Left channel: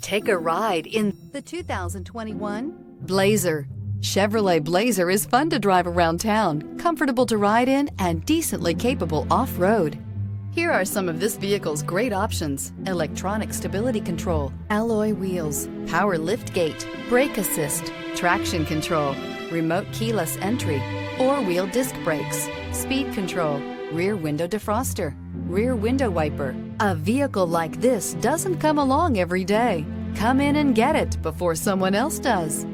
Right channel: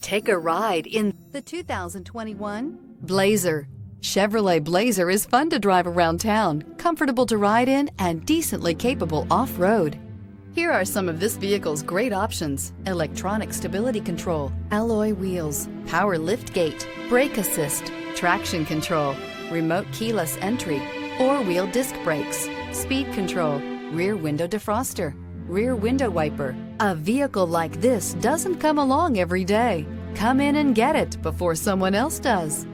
Take a ride in the 2021 Blazer. Chevrolet Blazer is fun to drive around town, comfortable to ride in, and decently capable off-road. Here are some of this vehicle's great options: electronic stability control, alloy wheels, power liftgate, brake assist, traction control, remote keyless entry, four-wheel disc brakes, speed control, rear window defroster, rear window wiper. A vehicle like this doesn't come along every day. Come in and get it before someone else does.